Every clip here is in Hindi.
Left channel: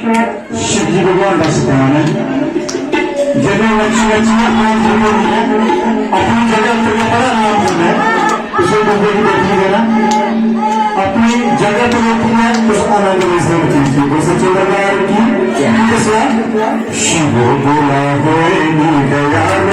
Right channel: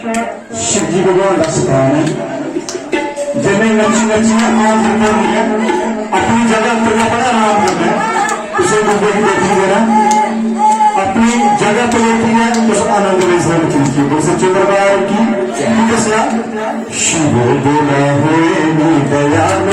शिव जी भगवान का स्थान है। जिन्हें वंशी वंशियां अपनी जगह पर बड़ा नाम देना है, उसे मुंबई की देखी देना अपनी जगह पर होती है, उस आनंद में सब चीज की उसे चंद्रकार की शिव बोला है दयाल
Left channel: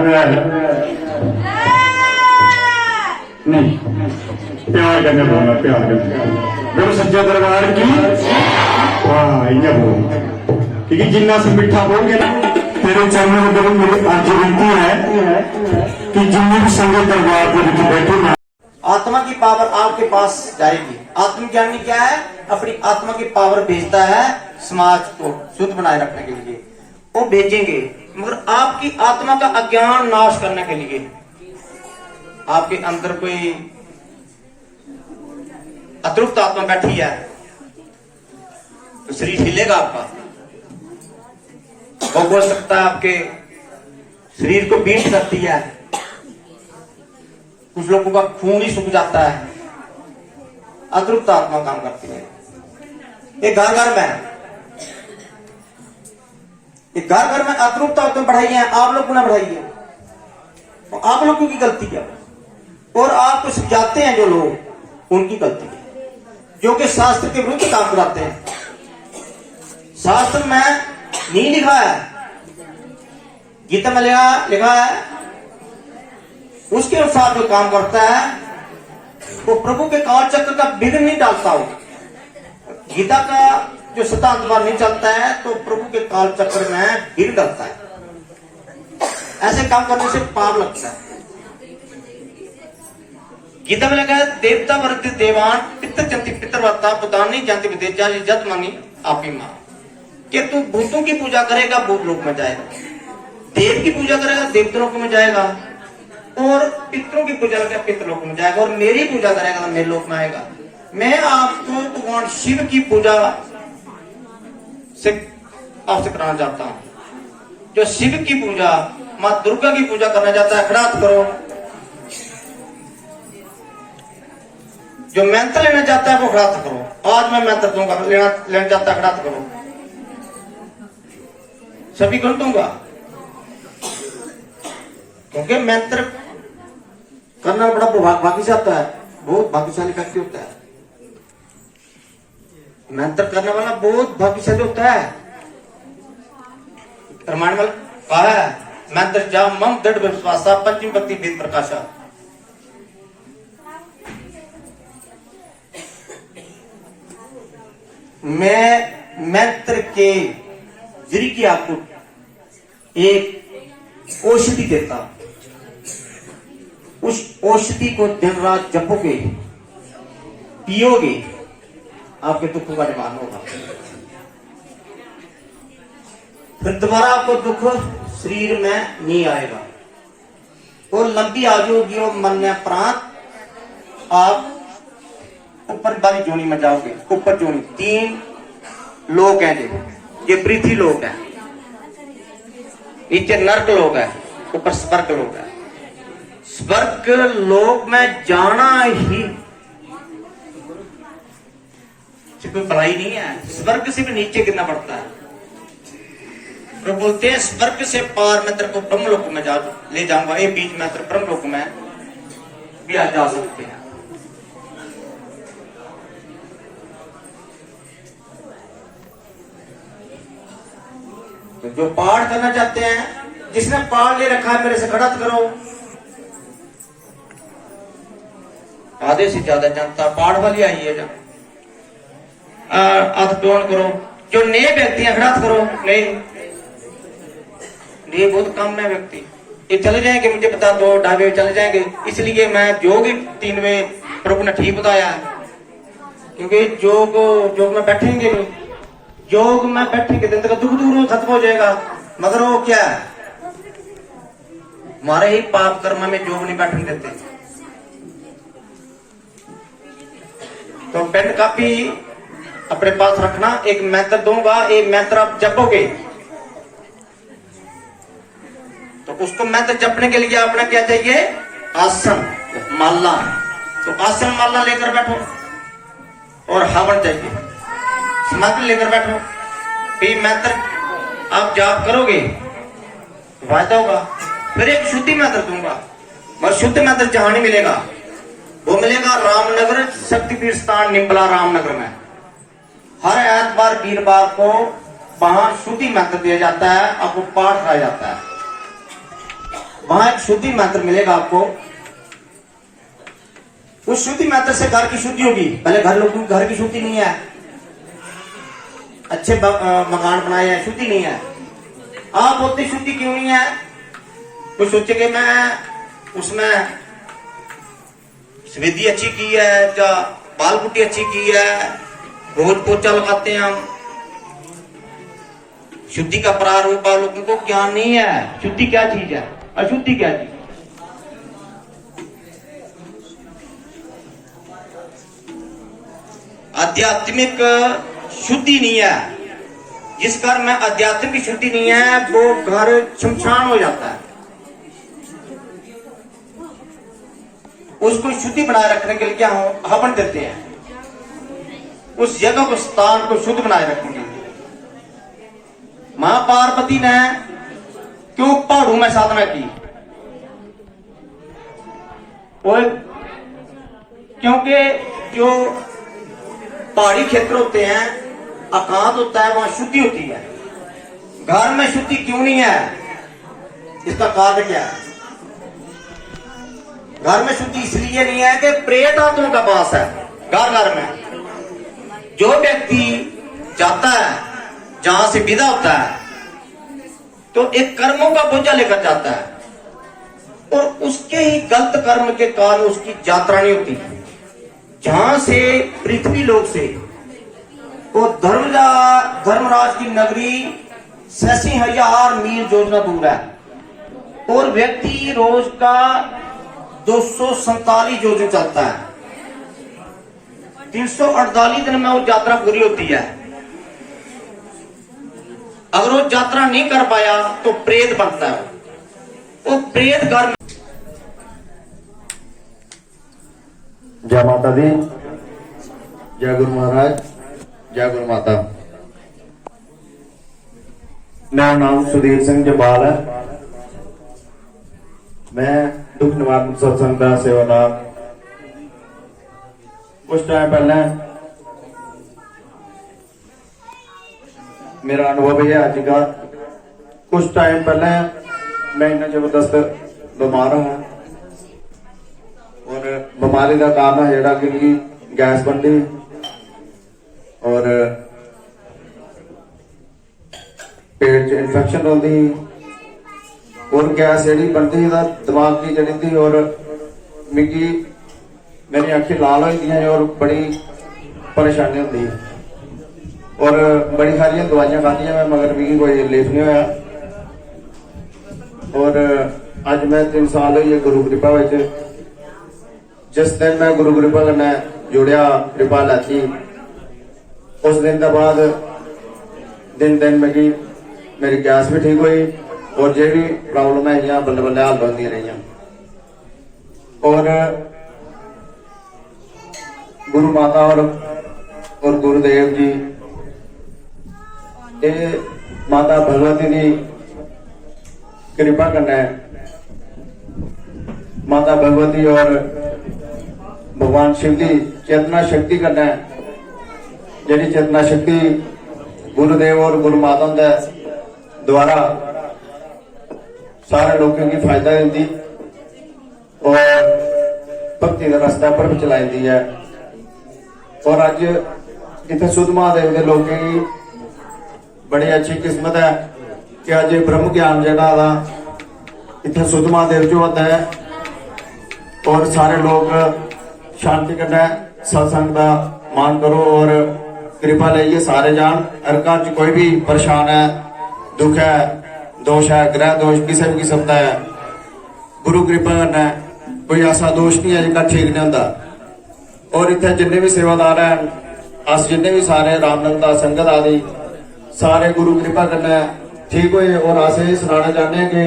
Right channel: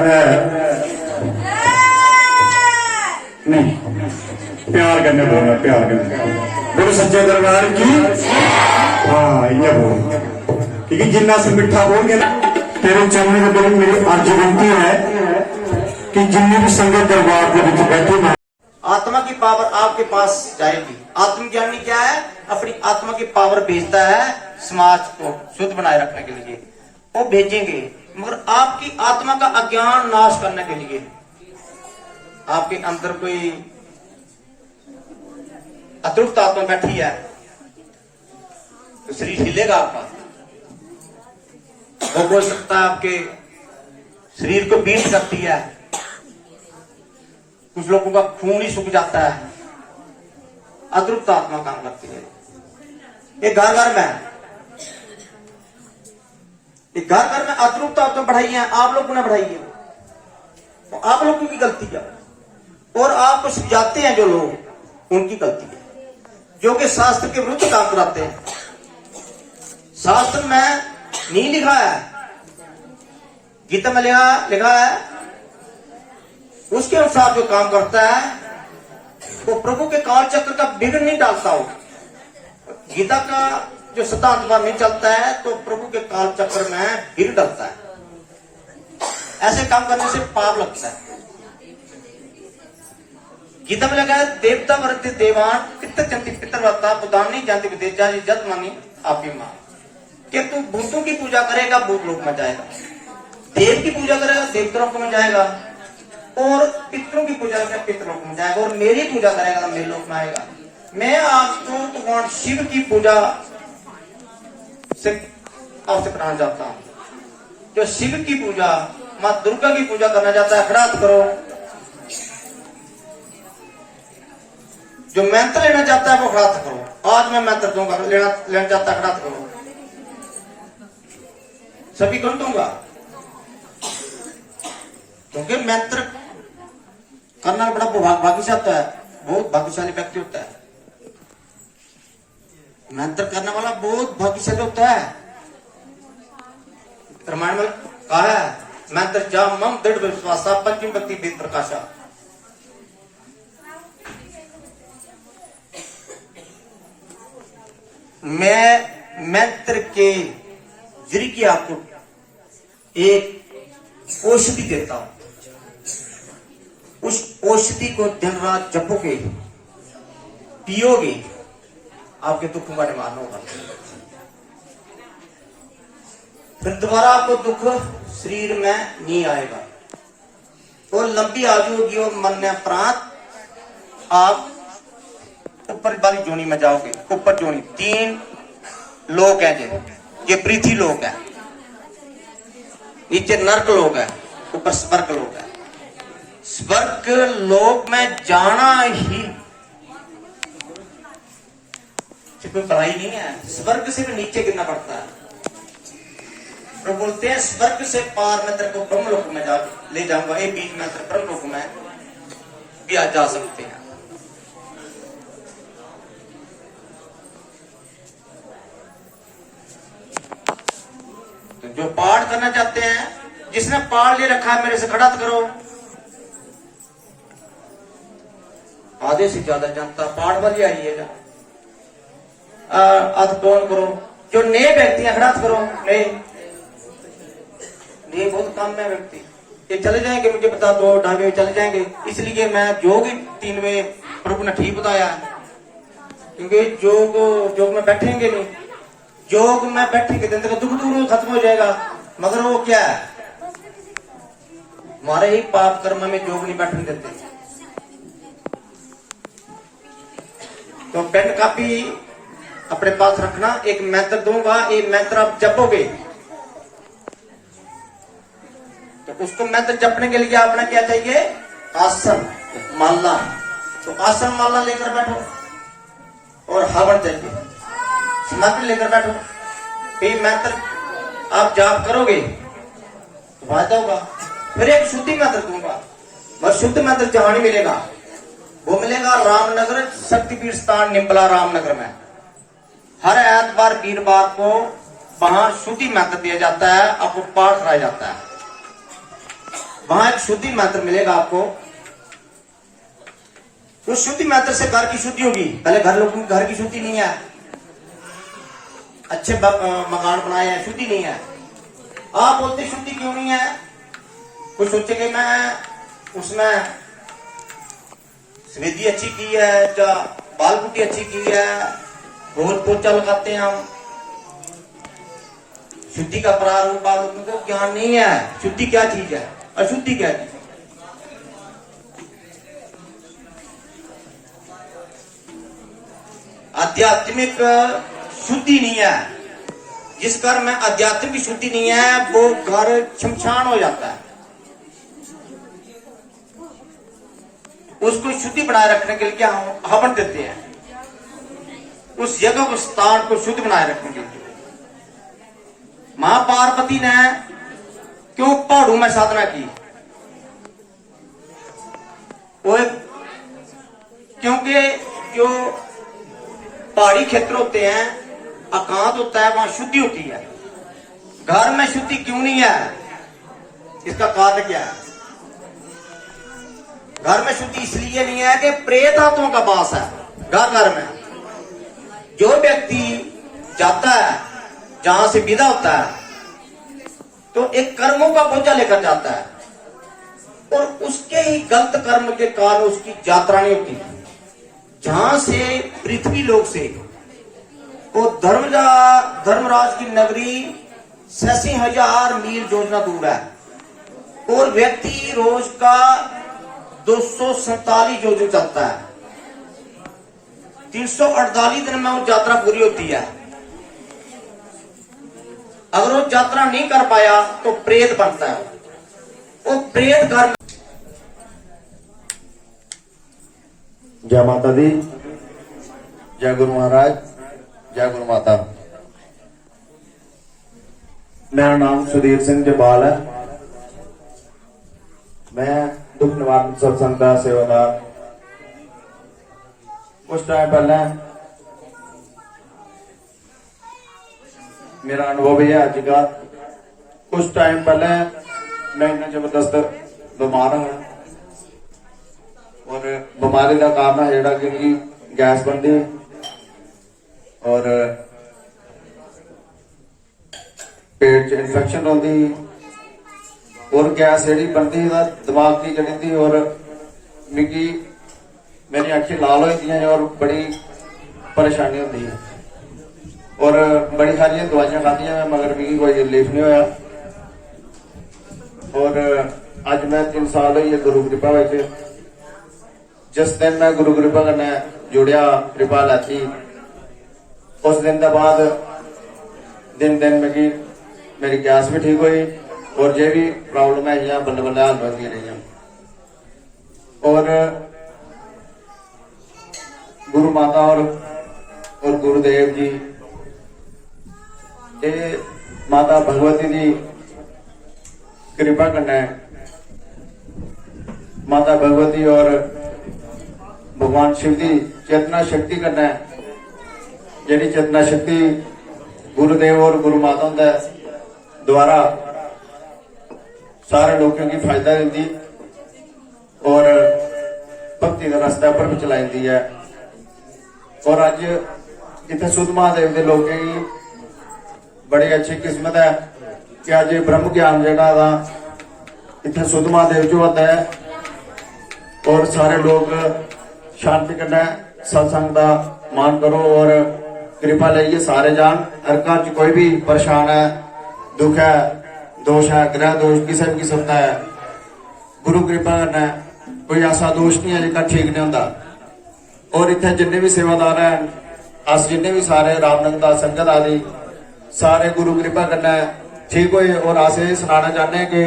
कर रहा है नहीं, प्यार करने बोलना, प्यार करने बोलो सच्चे दरबार की। हाँ इन्हें बोल, क्योंकि जिन्ना से मिठा बोल ना तेरे चरणों में बड़ी मेरी अर्ज विनती है कि जिन्नी भी संगत दरबार के बीच बैठे ना, आत्मा की पावर आपके पास जाएगी। आत्मज्ञानी क्या है? अपनी आत्मा की पावर भेजता है समाज को शुद्ध बनाए रखने के लिए, वो भेजेंगे, मगर आपकी आत्मा का अज्ञान नाश करने के लिए। आपके अंदर कोई अतृप्त आत्मा बैठी है तो शरीर हिलेगा आपका, वो बोल सकता है, आपके शरीर को पीट सकती है, कुछ लोगों का खून ही सूख जाता है। अतृप्त आत्मा काम करती है। ये घर घर में, ये घर घर में अतृप्त आत्मा बढ़ाई है, आप लोगों ने बढ़ाई है, और आप लोगों की गलती है, और आपको समझाते हैं जो लोग, उनकी गलती है, जो कि शास्त्र के विरुद्ध काम कराते हैं। शास्त्र में नहीं लिखा है, गीता में लिखा है, उसके अनुसार जो काम करता है वो प्रभु के काल चक्र का विघ्न नहीं डालता हो। गीता का जो सिद्धांत नहीं चलता है तो प्रभु के काल चक्र में विघ्न डालता है। ऐसे काम करने से पाप लगता है। गीता में लिखा है, देवता वर्त देवान पितर जंती पितरवत्ता पुदानी जानती विदेजा जत मानी आपी मां, कि तू भूतों की पूजा करेगा भूत लोक में जाएगा, देव की पूजा करेगा देवतालोक में जाएगा, और पितरों की पूजा करेगा पितरलोक में जाएगा, और मेरी पूजा करेगा मेरे लोक में आएगा। मैं आपको भगवान शिव की पूजा से आपसे कराना चाहता हूं। जो शिव की पूजा, मां दुर्गा की पूजा करना चाहता है, खड़ा करो। जो मंत्र लेना चाहता है वो खड़ा करो। आज मैं मंत्र दूंगा, लेना चाहता है खड़ा करो, सभी को दूंगा, क्योंकि मंत्र करना बड़ा भाग्यशाली होता है, बहुत भाग्यशाली व्यक्ति होता है। मंत्र करने वाला बहुत भाग्यशाली होता है। रामायण में कहा है, मंत्र जा मम दृढ़ विश्वासा पंचम भक्ति वेद प्रकाशा। मैं मंत्र के जरिए आपको एक औषधि देता हूं, उस औषधि को दिन रात जपोगे, पियोगे, आपके दुखों का निवारण होगा। फिर दोबारा आपको दुख शरीर में नहीं आएगा, और लंबी आयु होगी और मन प्रांत आप ऊपर वाली जोनी में जाओगे। ऊपर जोनी 3 लोग हैं, ये पृथ्वी लोग है, नीचे नर्क लोग है, ऊपर स्वर्ग लोग है। स्वर्ग लोक में जाना ही कोई पढ़ाई नहीं है, स्वर्ग से भी नीचे गिरना पड़ता है। तो बोलते हैं स्वर्ग से पार मैं तेरे को ब्रह्मलोक में ले जाऊंगा, ये बीच में तेरे ब्रह्मलोक में भी आ जा सकते हैं। तो जो पाठ करना चाहते हैं, जिसने पाठ ले रखा है मेरे से खड़ा करो। आधे से ज्यादा जनता पाठ वाली आई है, टोन करो। जो नए व्यक्ति हैं खड़ा करो, नए बहुत कम है व्यक्ति, ये चले जाएंगे, मुझे बता दो ढाबे चले जाएंगे। इसलिए मैं योग 3 वे प्रभु ने ठीक बताया है, क्योंकि योग में बैठेंगे नहीं, योग में बैठेंगे दिन तक दुख दूर खत्म हो जाएगा। मगर वो क्या है, हमारे ही पाप कर्म में योग नहीं बैठने देते। तो पेन कापी अपने पास रखना, एक मंत्र दूंगा, एक मंत्र आप जपोगे, तो उसको मंत्र जपने के लिए आपने क्या चाहिए, आसन माला। तो आसन माला लेकर बैठो, और हवन चाहिए, समर्पण लेकर बैठो। ये मंत्र आप जाप करोगे फायदा होगा। फिर एक शुद्धि मंत्र दूंगा, और शुद्ध मंत्र जहां नहीं मिलेगा, वो मिलेगा रामनगर शक्तिपीठ स्थान निम्बला रामनगर में। हर एतवार वीरवार को वहां शुद्धि मंत्र दिया जाता है, आपको पाठ कराया जाता है। वहां एक शुद्धि मंत्र मिलेगा आपको। उस शुद्धि मंत्र से घर की शुद्धि होगी। पहले लोगों की घर की शुद्धि नहीं है, अच्छे मकान बनाए हैं, शुद्धि नहीं है। आप बोलते शुद्धि क्यों नहीं है? कुछ सोचे कि मैं उसमें सफेदी अच्छी की है या बाल पुट्टी अच्छी की है, रोज पोछा लगाते हैं हम, शुद्धि का प्रारूप आप लोगों को ज्ञान नहीं है। शुद्धि क्या चीज है, अशुद्धि क्या चीज? आध्यात्मिक शुद्धि नहीं है। जिस घर में आध्यात्मिक शुद्धि नहीं है वो घर शमशान हो जाता है। उसको शुद्धि बनाए रखने के लिए क्या हम हवन देते हैं, उस जगह को स्थान को शुद्ध बनाए रखने के लिए। मां पार्वती ने क्यों पहाड़ों में साधना की? और क्योंकि जो पहाड़ी क्षेत्र होते हैं, एकांत होता है, वहां शुद्धि होती है। घर में शुद्धि क्यों नहीं है? इसका कारण क्या है? घर में शुद्धि इसलिए नहीं है कि प्रेत आत्मा का वास है घर में। जो व्यक्ति जाता है, जहां से विदा होता है, तो एक कर्मों का बोझा लेकर जाता है और उसके ही गलत कर्म के कारण उसकी यात्रा नहीं होती। जहां से पृथ्वी लोक से वो धर्मराज की नगरी 86,000 मील योजना दूर है और व्यक्ति रोज का 247 योजना चलता है। 348 दिन में वो यात्रा पूरी होती है। अगर वो यात्रा नहीं कर पाया तो प्रेत बनता है। वो प्रेत घर। जय माता दी, जय गुरु महाराज, जय गुरु माता। मेरा नाम सुधीर सिंह जबाल है। मैं दुख निवारण सत्संग का सेवादार। कुछ टाइम पहले मेरा अनुभव है आज का। कुछ टाइम पहले मैं इतना जबरदस्त बीमार हूं और बीमारी का काम है जोड़ा कि गैस बनती और पेट च इन्फेक्शन होती और गैस जी बनती दिमाग की चढ़ी थी और मिगी मेरी अखी लाल होती और बड़ी परेशानी होती और बड़ी सारिया दवाइयां खादियां मैं, मगर मिगी कोई रिलीफ नहीं होया। और अज मैं 3 साल हुई गुरु कृपा विच। जिस दिन मैं गुरु कृपा कन्नै जुड़िया, कृपा लैती, उस दिन के बाद दिन दिन मेरी गैस भी ठीक हुई और जो भी प्रॉब्लम है बल्ले बल्ले हल होती रही। और गुरु माता और गुरुदेव जी, ये माता भगवती की कृपा कन्नै, माता भगवती और भगवान शिव की चेतना शक्ति कन्नै, जी चेतना शक्ति गुरुदेव और गुरु माता द्वारा सारे लोगों की फायदा देती और भक्ति का रास्ता पर भी चलाई है। और अज इतने सुध महादेव के लोगों की बड़ी अच्छी किस्मत है कि अज ब्रह्म ज्ञान जगह इतने सुध महादेव जो होता है और सारे लोग शांति कन्नै सत्संग का मान करो और कृपा लेइए सारे जान। हर घर च कोई भी परेशान है, दुख है, दोष है, ग्रह दोष किसी भी किस्म का है, गुरु कृपा कन्नै कोई ऐसा दोष नहीं है जिसका ठीक नहीं होता। और इतने जिन्ने भी सेवादार हैं, अस जिन्ने भी सारे रामनंदा संगत आदि सारे गुरु कृपा कन्नै ठीक हुए। और अस ये सुनाना चाहते हैं कि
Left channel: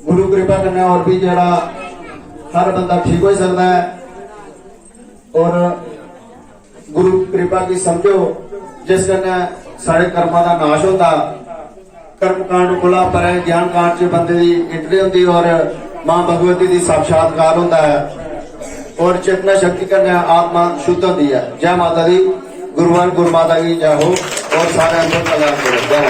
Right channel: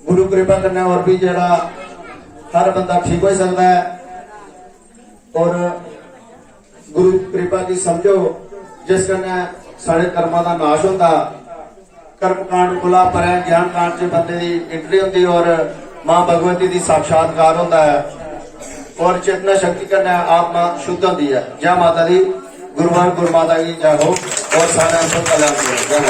गुरु कृपा कन्नै और भी जेड़ा हर बंदा ठीक हो सकता है। और गुरु कृपा की समझो जिस कन्नै सारे कर्मां दा नाश होता। कर्म कांड खुला पर ज्ञान कांड च बंदे की एंट्री होती और मां भगवती की साक्षात्कार होता है और चेतना शक्ति कन्नै आत्मा शुद्ध होती है। जय माता दी, गुरुवार गुरु माता की जय हो और सारे अंदर कल्याण करो। जय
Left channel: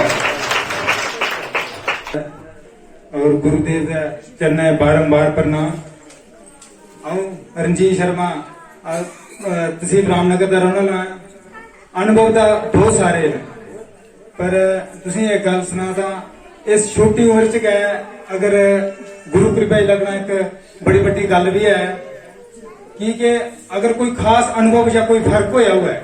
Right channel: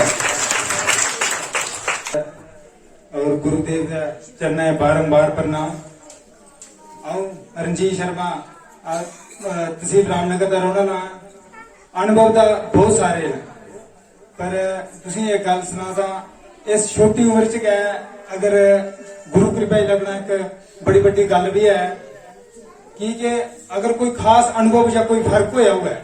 और गुरुदेव का चरण बारंबार प्रणाम। रणजीत शर्मा तहसील रामनगर का रहने वाला। अनुभव तो बहुत सारे ने, पर तुसी एक गल सुना था, इस छोटी उम्र च गए अगर गुरु कृपा लगना एक बड़ी बड़ी गल भी है कि अगर कोई खास अनुभव या कोई फर्क होया हुआ है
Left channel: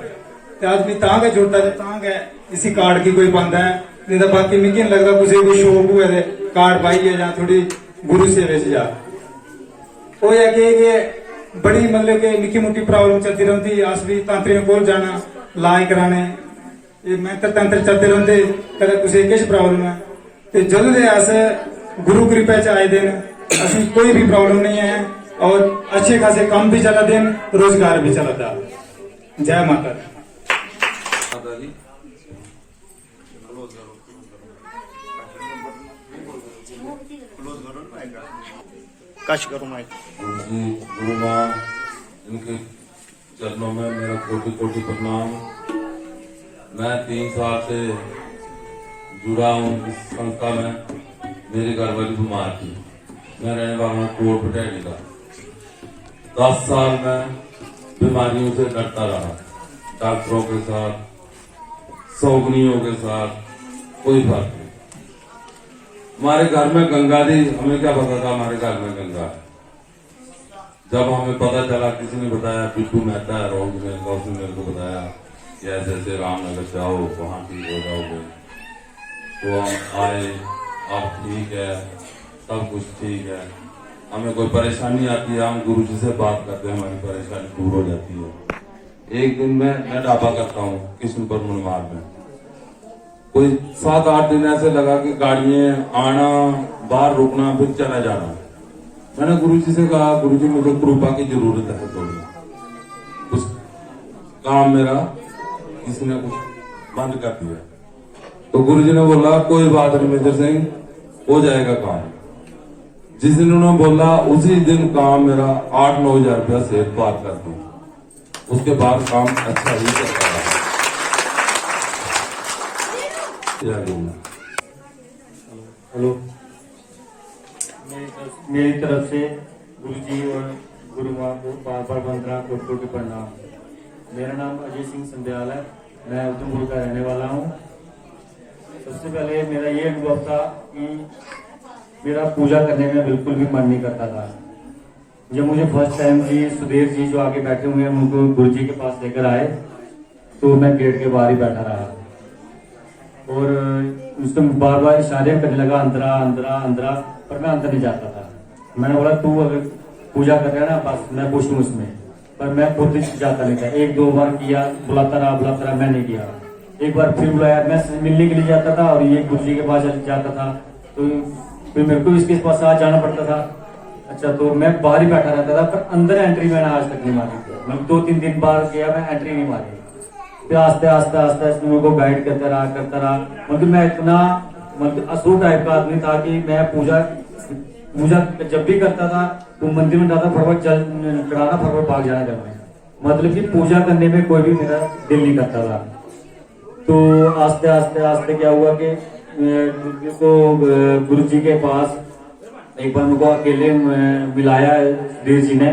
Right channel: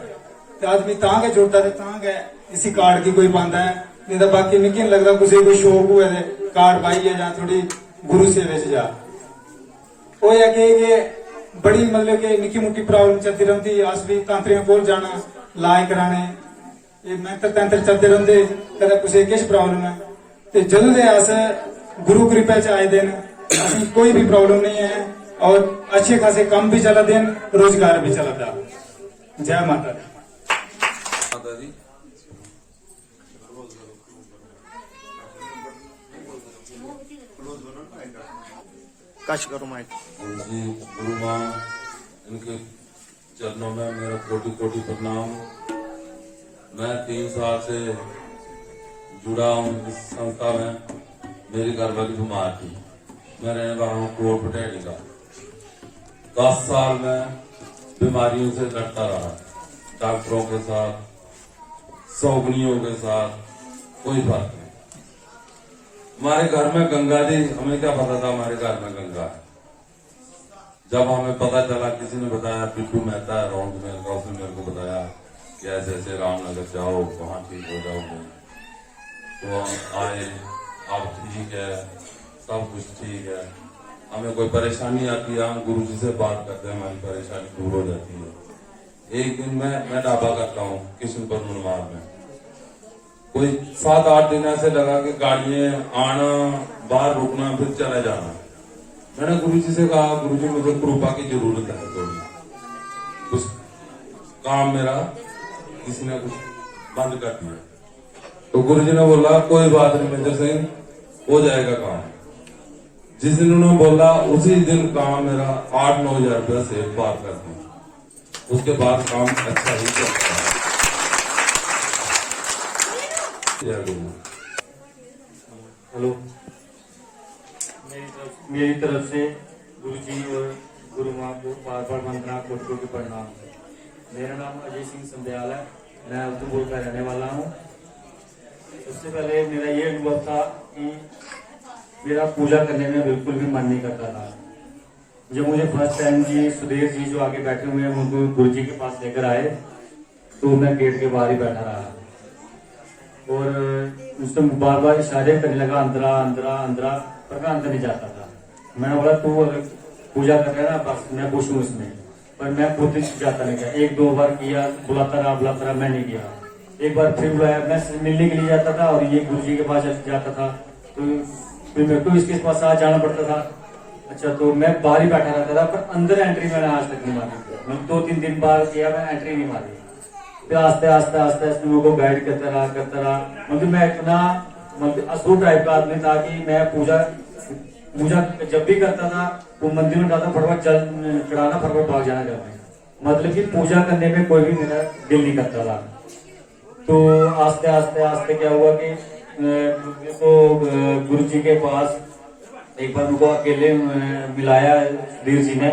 तो आदमी तां गै जोड़ा ते तां गै इसी कार्ड की कोई पांदा है, नहीं तो बाकी मिगी नहीं लगता कुछ कोई शौक हुए ते कार्ड पाइए या थोड़ी गुरु सेवे च जा। वो है कि बड़ी मतलब कि निक्की मुट्टी प्रॉब्लम चलती रहती, अस भी तांत्रिक कोल जाना इलाज कराने, मंत्र तंत्र चलते रहते, कदें कुछ किश प्रॉब्लम है तो जदों दे अस गुरु कृपा च आए दिन असी कोई भी प्रॉब्लम नहीं है और अच्छे खासे काम भी चलते हैं, रोजगार भी चलता। जय माता दी। जी कश करो मैं जी गुरु माँ इनके चरणों में मेरा कोटि कोटि प्रणाम। मैं 3 साल से जुड़ा हूँ इस संस्था में। मेरी घरवाली बीमार थी, मैं रहने वाला हूँ कोट पटेली का। 10 साल में बीमारियों से लड़ता रहा, डॉक्टरों के साथ, सौगनियों के साथ, कोई फर्क नहीं। हमारे घर में गंगा जी, हमें क्या पता था हमारे घर में गंगा है। जब हमें पता चला, किसी ने बताया, पिट्टू मेहता है रोड में का, उसने मेरे को बताया कि ऐसे ऐसे रामनगर से आओ, वहां ठीक हो जाओगे। तो हम आए, अब ठीक है, सब कुछ ठीक है। हमें कोई परेशानी आती है, हम गुरु जी से बात करते हैं, हमारी परेशानी दूर हो जाती है। एक दिन मैं ढाबा करता हूँ किशनपुर मनवार में। कोई 7-8 दिन ऐसे लगा कि गाड़ियां आना, बाहर रुकना, फिर चला जाना। मैंने गुरु जी से कहा, गुरु जी मुझे कृपा की जरूरत है थोड़ी, कुछ काम मेरा किसी ने कुछ बंद कर दिया। तो गुरु जी ने बोला कोई बात नहीं मेजर सिंह, हो जाएगा काम। जिस दिन उन्होंने बोला उसी दिन काम मेरा 8-9 हजार रुपया से पार कर दूं। उसके बाद काम अच्छा ही चलता रहा। हेलो, मेरी तरफ से गुरु जी और गुरु माँ को बार बार वंदना, कोटि कोटि प्रणाम। मेरा नाम अजय सिंह संध्याल है, मैं उधमपुर का रहने वाला हूँ। सबसे पहले मेरा ये अनुभव था कि मेरा पूजा करने में बिल्कुल भी मन नहीं करता था। जब मुझे फर्स्ट टाइम जी सुधीर जी जो आगे बैठे हुए हैं उनको गुरु जी के पास लेकर आए तो मैं गेट के बाहर ही बैठा रहा और उससे बार बार इशारे करने लगा, अंदरा अंदरा अंदरा, पर मैं अंदर नहीं जाता था। मैंने बोला तू अगर पूजा कर रहा है ना, बस मैं पूछूं उसमें, पर मैं खुद जाता नहीं था। 1-2 बार किया, बुलाता रहा, मैं नहीं गया। एक बार फिर बुलाया, मैं मिलने के लिए जाता था और ये गुरु जी के पास जाता था, तो फिर मेरे को इसके पास आज जाना पड़ता था। अच्छा, तो मैं बाहर ही बैठा रहता था, पर अंदर एंट्री मैंने आज तक नहीं मारी। मैं 2-3 दिन बाद गया, मैं एंट्री नहीं मारी। फिर आस्ते आस्ते आस्ते आस्ते मेरे को गाइड करता रहा। मतलब मैं इतना मतलब असुर टाइप का आदमी था कि मैं पूजा जब भी करता था वो मंदिर में जाता, फटाफट चढ़ाना, फटाफट भाग जाना घर में। मतलब कि पूजा करने में कोई भी मेरा दिल नहीं करता था। तो आस्ते आस्ते आस्ते क्या हुआ कि गुरु जी के पास एक बार उनको अकेले मिलाया सुधीर जी ने,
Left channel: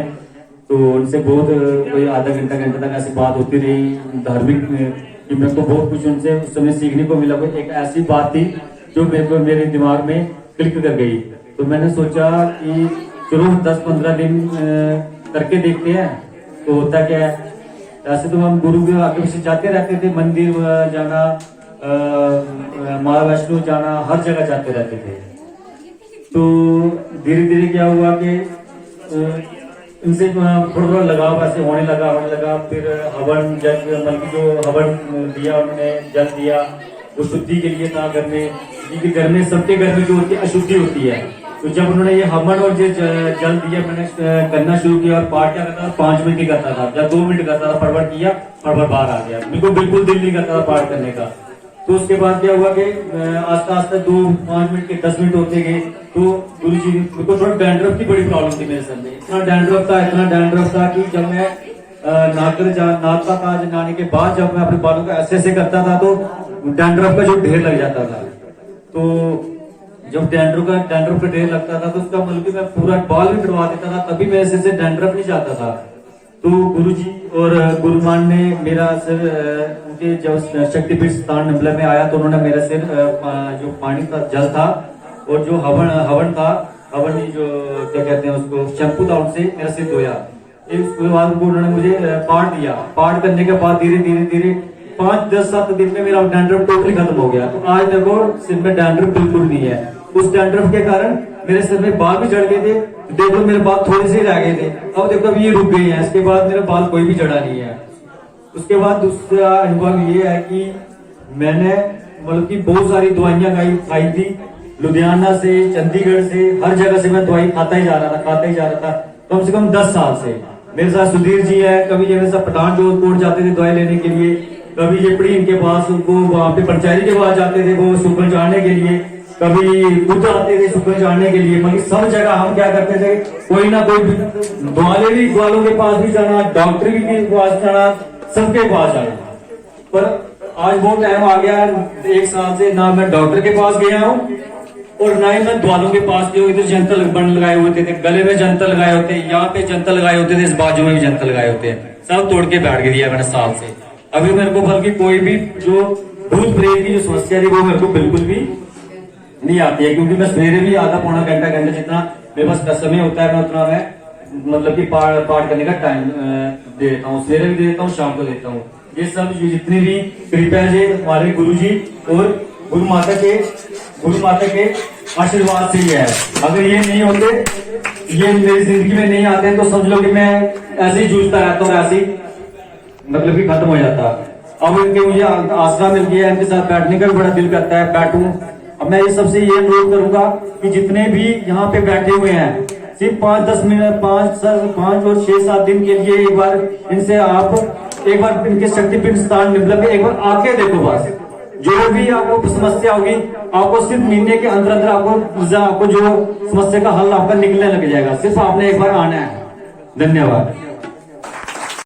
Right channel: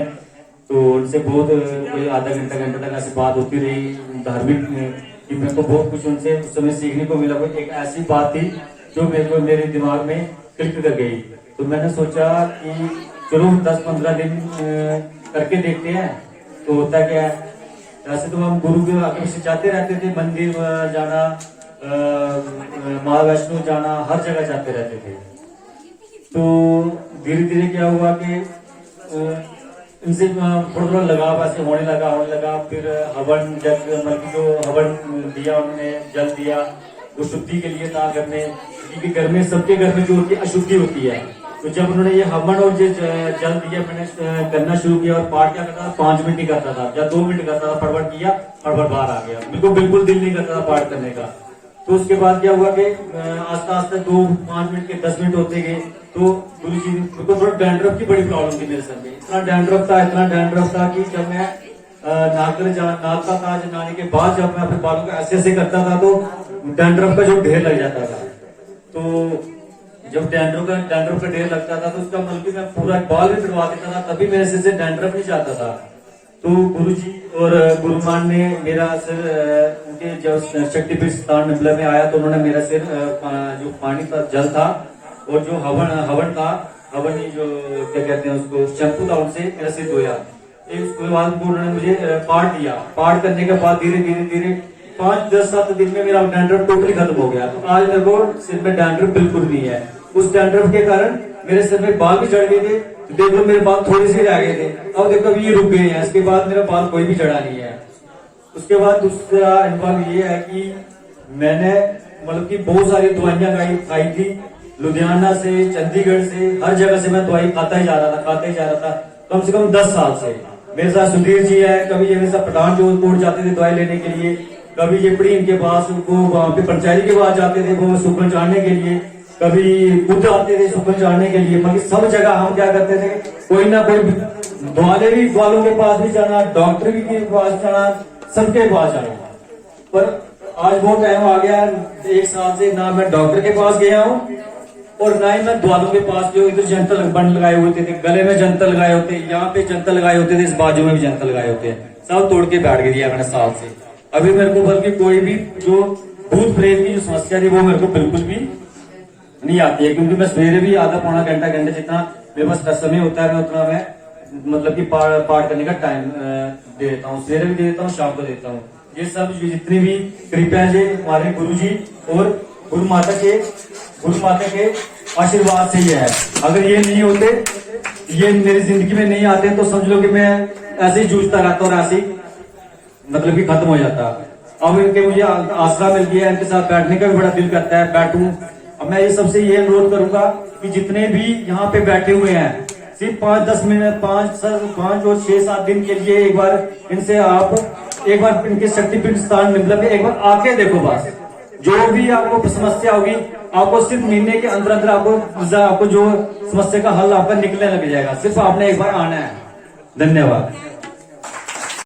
तो उनसे बहुत कोई आधा घंटा तक ऐसी बात होती रही धार्मिक कि मेरे को बहुत कुछ उनसे उस समय सीखने को मिला। एक ऐसी बात थी जो मेरे दिमाग में क्लिक कर गई। तो मैंने सोचा कि चलो 10-15 दिन करके देखते हैं तो होता क्या है। ऐसे तो हम गुरु के आगे पीछे जाते रहते थे, मंदिर जाना, माँ वैष्णो जाना, हर जगह जाते रहते थे। तो धीरे धीरे क्या हुआ कि इनसे थोड़ा लगाव ऐसे होने लगा। फिर हवन जल, मतलब जो हवन दिया उन्होंने, जल दिया, वो शुद्धि के लिए था घर में, क्योंकि घर में सबके घर में जो होती है अशुद्धि होती है। तो जब उन्होंने ये हवन और जो जल दिया, मैंने करना शुरू किया और पाठ क्या करता था, 5 मिनट ही करता था, जब 2 मिनट करता था, फटफट किया, फटफट बाहर आ गया। मेरे को बिल्कुल दिल नहीं करता था पाठ करने का। तो उसके बाद क्या हुआ कि आस्ते आस्ते 2-5 मिनट के 10 मिनट होते गए। तो गुरु जी मेरे को थोड़ा डैंड्रफ की बड़ी प्रॉब्लम थी मेरे सर में। इतना डैंड्रफ था कि जब मैं नाचता था, नहाने के बाद जब मैं अपने बालों को ऐसे करता था तो डैंड्रफ का जो ढेर लग जाता था। तो जब डैंड्रफ का ढेर लगता था तो उसका मतलब कि मैं पूरा बाल भी कटवा देता था, कभी मेरे सिर से डैंड्रफ नहीं जाता था। तो गुरुजी और गुरुमान ने मेरा सिर उनके जब शक्तिपीठ स्थान निम्बला में आया तो उन्होंने मेरा सिर जो पानी का जल था और जो हवन था, हवन नहीं जो क्या कहते हैं उसको, शैम्पू था, उनसे मेरा सिर धोया। उसके बाद उन्होंने मुझे पाठ दिया। पाठ करने के बाद धीरे धीरे 5-10-7 दिन में मेरा डैंड्रफ टोटली खत्म हो गया। तो आज देखो सिर में डैंड्रफ बिल्कुल नहीं है। उस डैंड्रफ के कारण मेरे सिर में बाल भी चढ़ गए थे, तो देखो मेरे बाल थोड़े से रह गए थे, अब देखो अभी ये रुक गए हैं। इसके बाद मेरे बाल कोई भी चढ़ा नहीं है। उसके बाद दूसरा अनुभव ये है कि मैंने मतलब कि बहुत सारी दवाइयां खाई थी, लुधियाना से, चंडीगढ़ से, हर जगह से मैं दवाई खाता ही जा रहा था कम से कम 10 साल से। मेरे साथ सुधीर जी है, कभी ये मेरे साथ पठान जोधपुर जाते थे दवाई लेने के लिए, कभी ये पड़ी इनके पास, उनको वहां पे पंचायती के पास जाते थे वो सुखन चढ़ाने के लिए, कभी खुद आते थे सुखन चढ़ाने के लिए। मतलब सब जगह हम क्या करते थे, कोई ना कोई ग्वालों के पास भी जाना, डॉक्टर के पास जाना, सबके पास जाना। पर आज वो टाइम आ गया, 1 साल से ना मैं डॉक्टर के पास गया हूँ और ना ही मैं द्वालों के पास गया। इधर जंतर लगाए होते थे, गले में जंतर लगाए होते, यहाँ पे जंतर लगाए होते थे, इस बाजू में भी जंतर लगाए होते हैं, सब तोड़ के बैठ दिया मैंने साल से। अभी मेरे को बल्कि कोई भी जो भूत प्रेत की जो समस्या थी वो मेरे को बिल्कुल भी नहीं आती है, क्योंकि मैं सवेरे भी आधा पौना घंटा जितना मेरे पास समय होता है मैं उतना मैं मतलब कि पाठ करने का टाइम दे देता हूँ। सवेरे भी दे देता हूँ, शाम को देता हूँ। ये सब जितनी भी कृपया है हमारे गुरु जी और गुरु माता के आशीर्वाद से ही है। अगर ये नहीं होते, ये मेरी जिंदगी में नहीं आते, तो समझ लो कि मैं ऐसे ही जूझता रहता और ऐसे ही मतलब कि खत्म हो जाता। अब इनके मुझे आसरा मिल गया, इनके साथ बैठने का भी बड़ा दिल करता है, बैठूं। अब मैं ये सबसे ये अनुरोध करूंगा कि जितने भी यहाँ पे बैठे हुए हैं, सिर्फ 5-10 मिनट 5 और 6-7 दिन के लिए एक बार इनसे आप एक बार इनके शक्तिपीठ स्थान निम्बला में एक बार आके देखो। बस जो भी आपको समस्या होगी, आपको सिर्फ महीने के अंदर आपको जो समस्या का हल आपका निकलने लग जाएगा। सिर्फ आपने एक बार आना है। धन्यवाद।